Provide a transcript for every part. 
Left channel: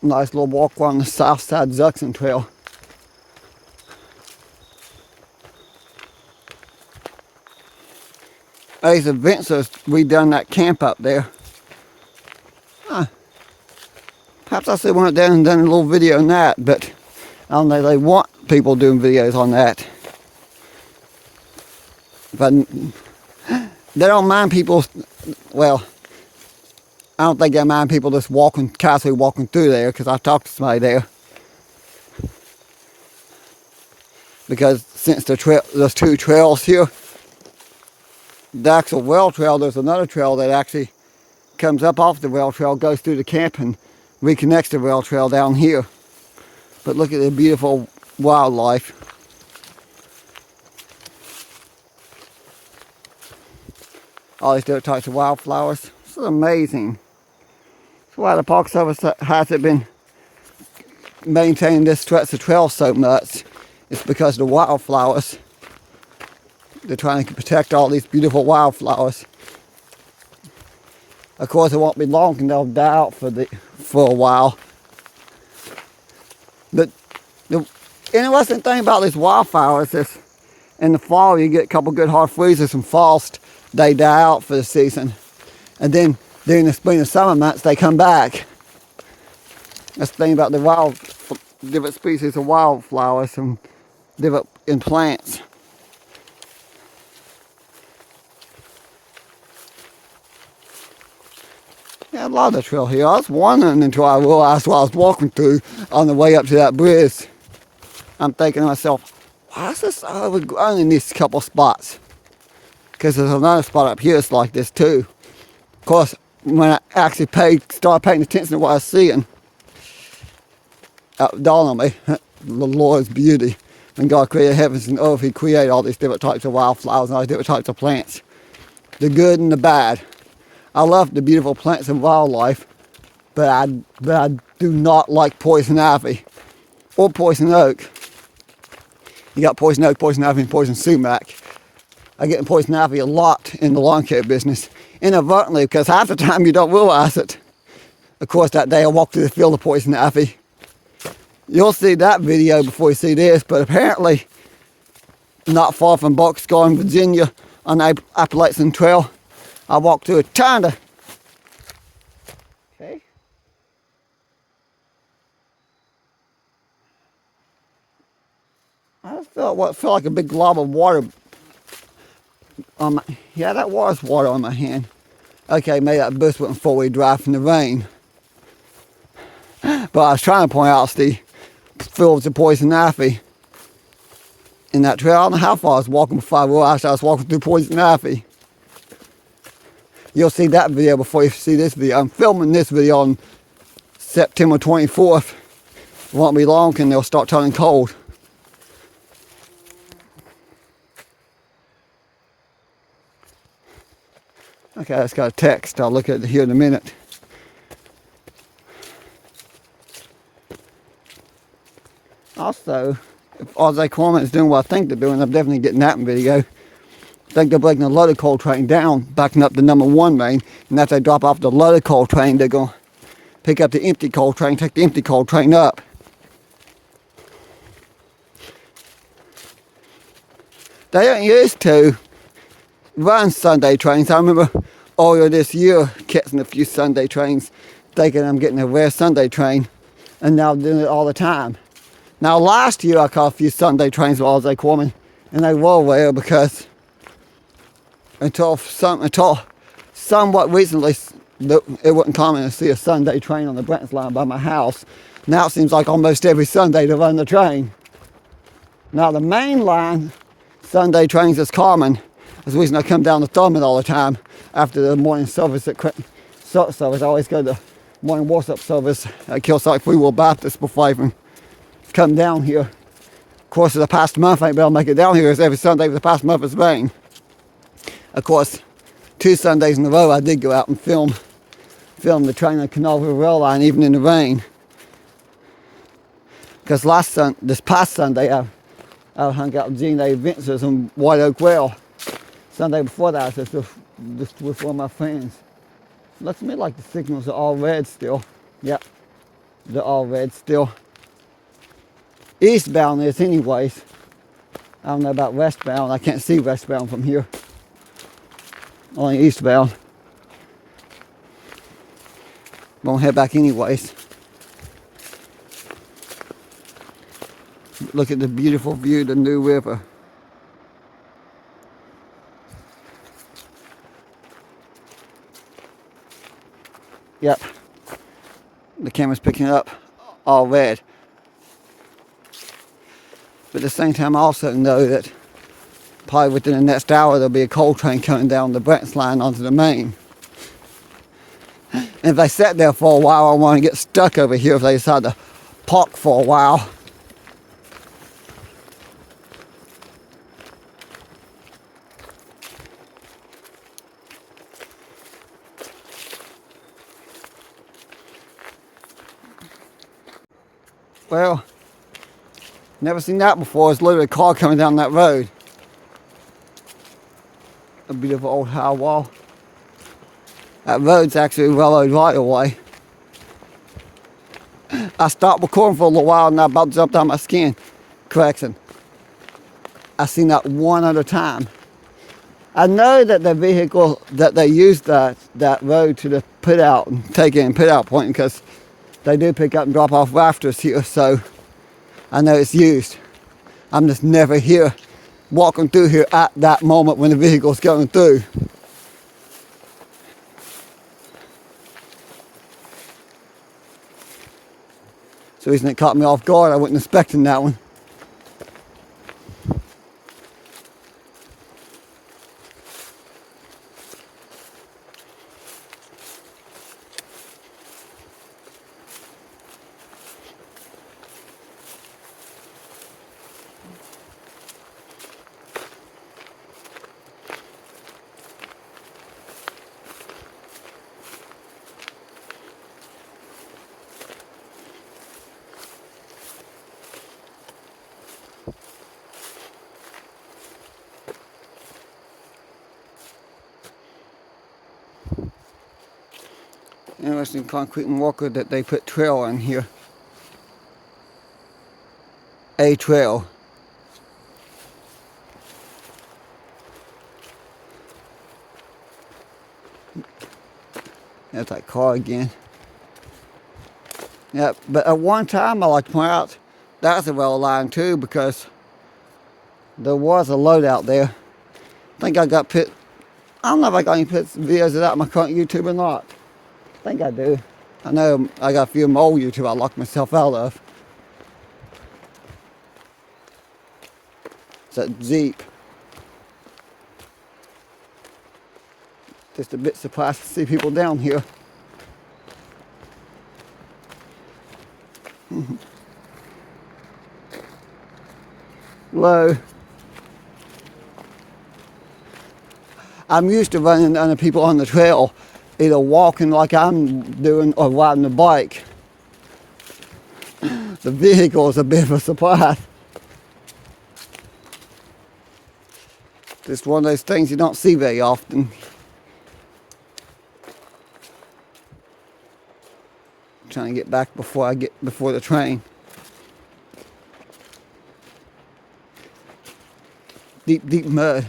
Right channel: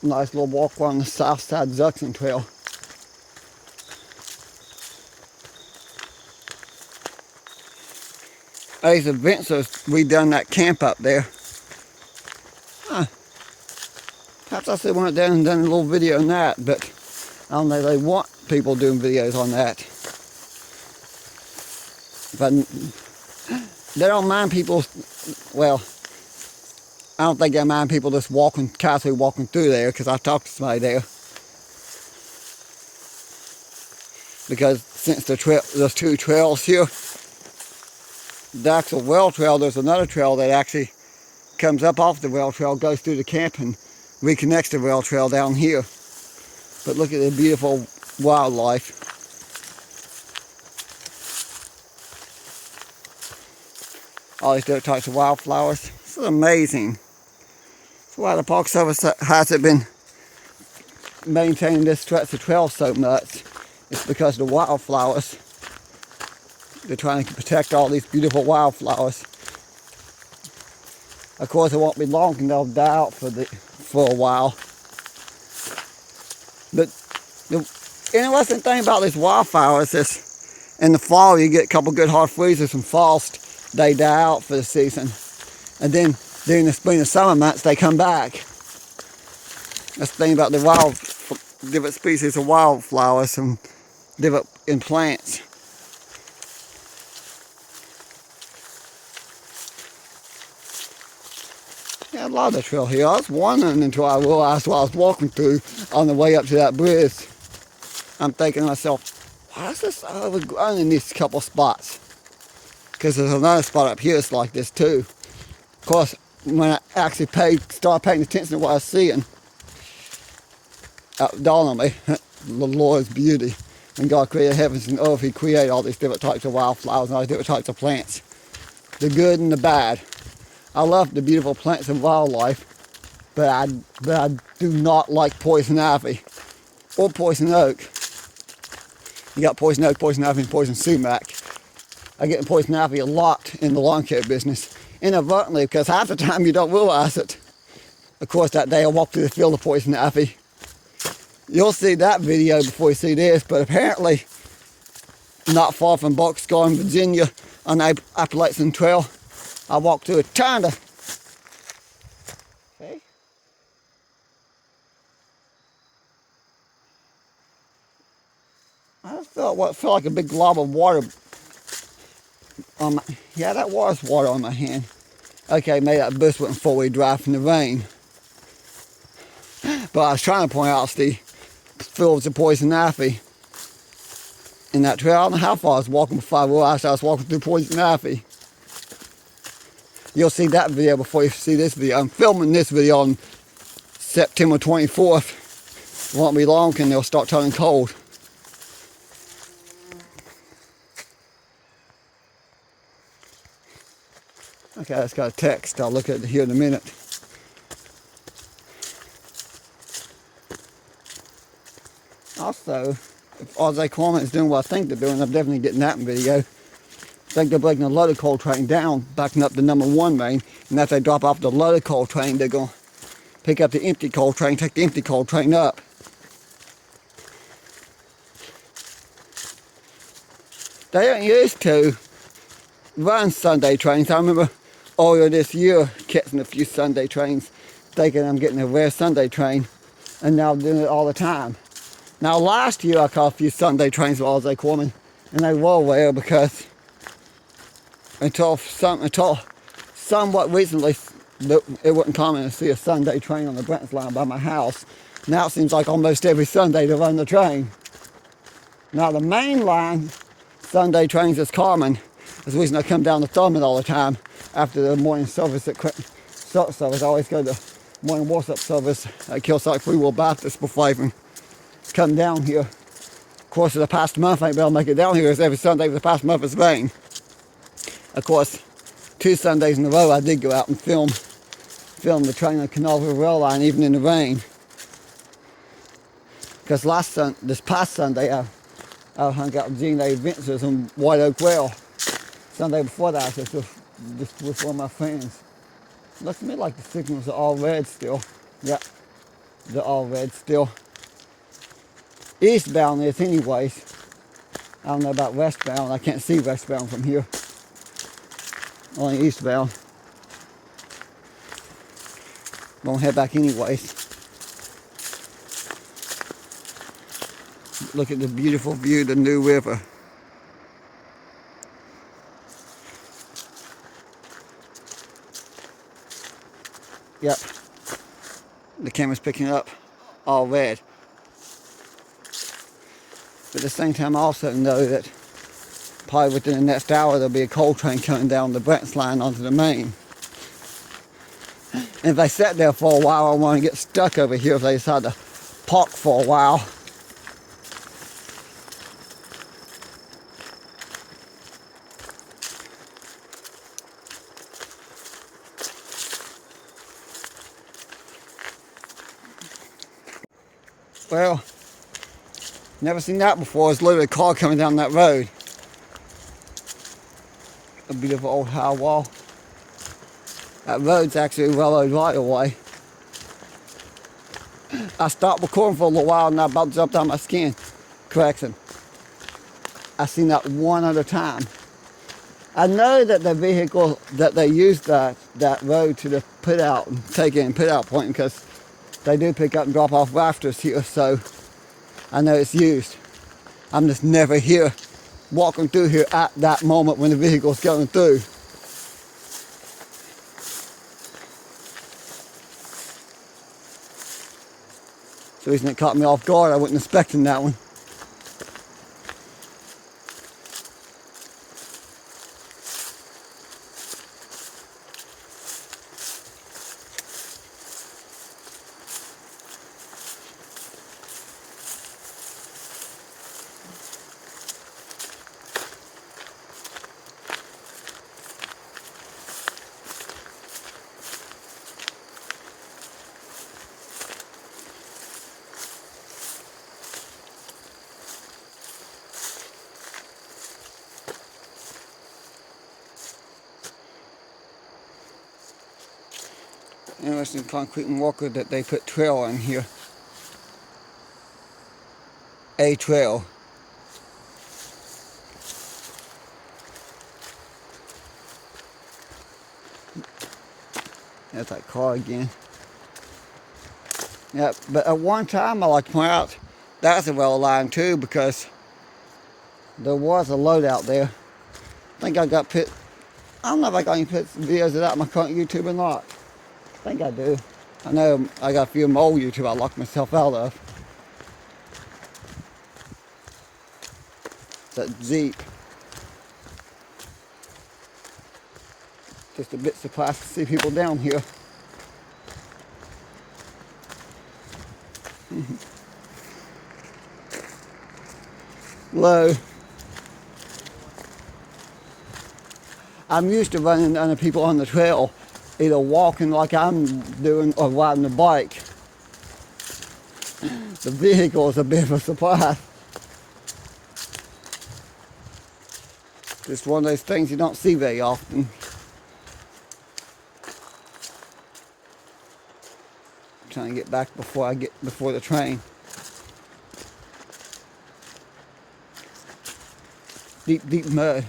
Nice little walk on the south side junction trail. There's events we done that camp up there. Huh. Perhaps I should have went down and done a little video on that, but I don't know, they want people doing videos on that. But they don't mind people, well, I don't think they mind people just casually walking through there, because I talked to somebody there. Because since there's two trails here, the actual well trail, there's another trail that actually comes up off the rail trail, goes through the camp and reconnects the rail trail down here. But look at the beautiful wildlife. All these different types of wildflowers. This is amazing. So why the Park Service hasn't been maintaining this stretch of trail so much. It's because of the wildflowers. They're trying to protect all these beautiful wildflowers. Of course, it won't be long and they'll die out for a while. But the interesting thing about these wildflowers is in the fall you get a couple good hard freezes and falls, they die out for the season. And then during the spring and summer months they come back. That's the thing about the different species of wildflowers and different plants. Yeah, I love the trail here. I was wondering until I realized what I was walking through on the way up to that bridge. I'm thinking to myself, why is this overgrown in these couple spots? Because there's another spot up here that's like this too. Of course, when I actually started paying attention to what I was seeing, it dawned on me, the Lord's beauty. When God created heavens and earth, He created all these different types of wildflowers and all these different types of plants. The good and the bad. I love the beautiful plants and wildlife, but I do not like poison ivy or poison oak. You got poison oak, poison ivy, and poison sumac. I get poison ivy a lot in the lawn care business, inadvertently, because half the time you don't realize it. Of course, that day I walked through the field of poison ivy. You'll see that video before you see this, but apparently, not far from Buckscar, Virginia, on the Appalachian Trail, I walked through a ton of, see? I felt what felt like a big glob of water on my, yeah, that was water on my hand. Okay, maybe that bus went four-wheel drive from the rain. But I was trying to point out the fields of poison ivy in that trail. I don't know how far I was walking before I realized I was walking through poison ivy. You'll see that video before you see this video. I'm filming this video on September 24th. It won't be long and they'll start turning cold. Okay, I just got a text. I'll look at it here in a minute. Also, if Ozzy Corman is doing what I think they're doing, I'm definitely getting that in video. I think they're breaking the loaded coal train down, backing up the number 1 main, and after they drop off the loaded coal train, they're going to pick up the empty coal train, take the empty coal train up. They ain't used to run Sunday trains. I remember earlier this year catching a few Sunday trains, thinking I'm getting a rare Sunday train, and now doing it all the time. Now last year I caught a few Sunday trains with Ozzy Corman, and they were rare because until somewhat recently, it wasn't common to see a Sunday train on the Brent's line by my house. Now it seems like almost every Sunday they run the train. Now the main line Sunday trains is common. That's the reason I come down to Thurmond all the time after the morning service at service. I always go to the morning worship service at Killside Free Will Baptist before I even come down here. Of course, for the past month, I ain't been able to make it down here. It's every Sunday for the past month it's rained. Of course, 2 Sundays in a row I did go out and film the train on the Canalville Rail Line, even in the rain. Because this past Sunday, I hung out with Gene A. Vince's on White Oak Rail. Sunday before that, I was just with one of my friends. Looks to me like the signals are all red still. Yep, They're all red still. Eastbound is anyways. I don't know about westbound. I can't see westbound from here. Only eastbound. Won't head back anyways. Look at the beautiful view of the New River. Yep. The camera's picking it up all red. But at the same time, I also know that probably within the next hour there'll be a coal train coming down the Brents line onto the main. And if they sit there for a while, I want to get stuck over here if they decide to park for a while. Well, never seen that before. It's literally a car coming down that road. A beautiful old high wall. That road's actually railroad right away. I stopped recording for a little while and I about jumped out my skin. Correction. I seen that one other time. I know that the vehicle that they use that road to the put out and take in put out point because they do pick up and drop off rafters here, so I know it's used. I'm just never here walking through here at that moment when the vehicle's going through. The reason it caught me off guard, I wasn't expecting that one. Interesting concrete and walker that they put trail on here. A trail. That's that car again. Yeah, but at one time I like to point out that's a rail line too because there was a load out there. I think I got put. I don't know if I got any videos of that on my current YouTube or not. I think I do. I know I got a few of my old YouTube I locked myself out of. It's that Jeep. Just a bit surprised to see people down here. Low. I'm used to running into people on the trail, either walking like I'm doing or riding a bike. The vehicle is a bit of a surprise. Just one of those things you don't see very often. I'm trying to get back before the train. Deep, deep mud.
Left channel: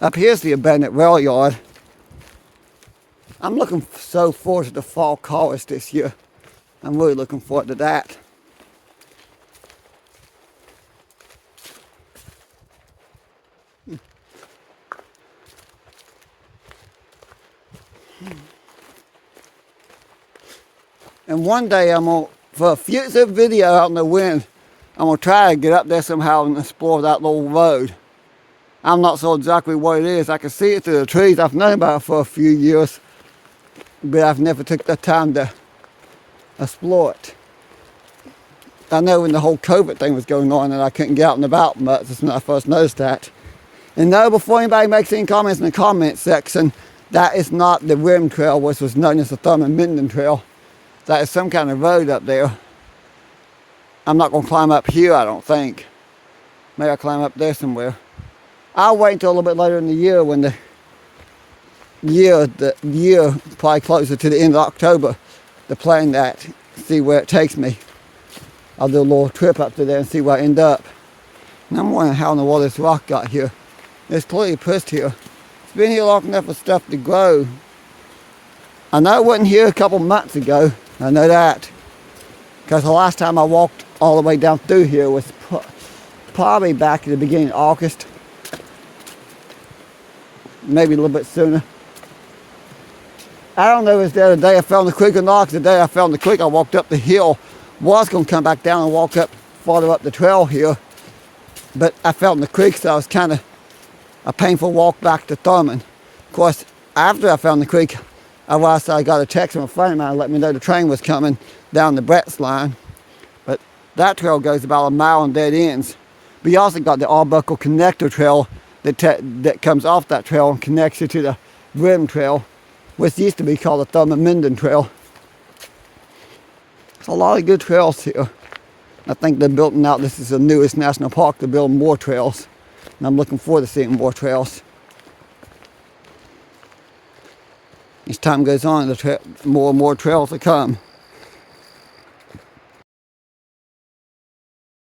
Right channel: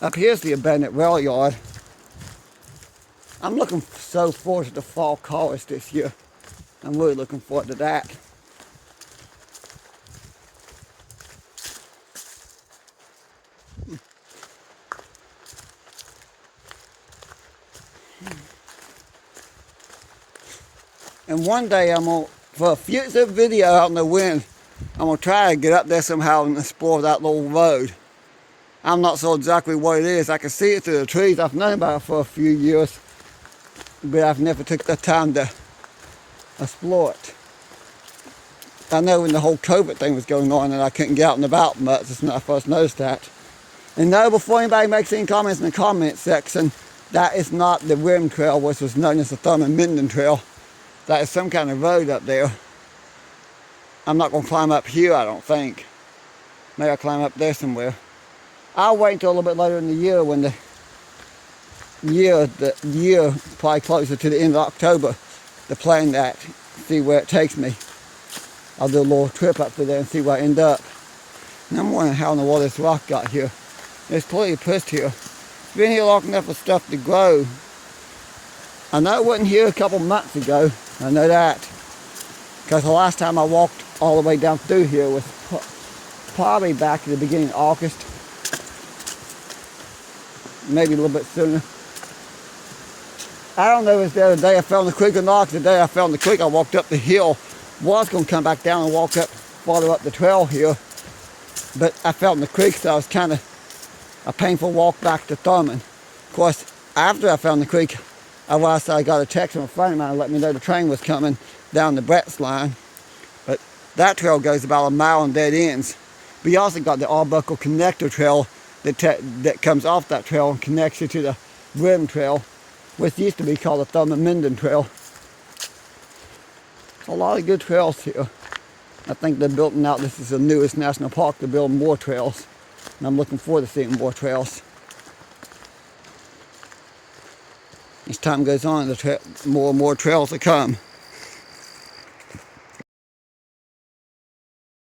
Up here's the abandoned rail yard. I'm looking so forward to the fall chorus this year. I'm really looking forward to that. And one day for a future video out in the wind, I'm going to try to get up there somehow and explore that little road. I'm not sure exactly what it is. I can see it through the trees. I've known about it for a few years, but I've never took the time to explore it. I know when the whole COVID thing was going on and I couldn't get out and about much, that's when I first noticed that. And no, before anybody makes any comments in the comment section, that is not the Rim Trail, which was known as the Thurmond Trail. That is some kind of road up there. I'm not going to climb up here, I don't think. Maybe I'll climb up there somewhere. I'll wait until a little bit later in the year when the year probably closer to the end of October to plan that, see where it takes me. I'll do a little trip up to there and see where I end up. And I'm wondering how in the world this rock got here. It's totally pushed here. It's been here long enough for stuff to grow. I know it wasn't here a couple months ago. I know that. Because the last time I walked all the way down through here was probably back at the beginning of August. Maybe a little bit sooner. I don't know if it's the other day I found the creek or not. The day I found the creek, I walked up the hill. Was going to come back down and walk up farther up the trail here. But I fell in the creek, so it was kind of a painful walk back to Thurmond. Of course, after I found the creek, I got a text from a friend of mine letting me know the train was coming down the Brett's line. But that trail goes about a mile in dead ends. We also got the Arbuckle Connector Trail that comes off that trail and connects you to the Rim Trail, which used to be called the Thurmond Trail. There's a lot of good trails here. I think they're building out, this is the newest national park, they're building more trails. And I'm looking forward to seeing more trails. As time goes on, more and more trails will come.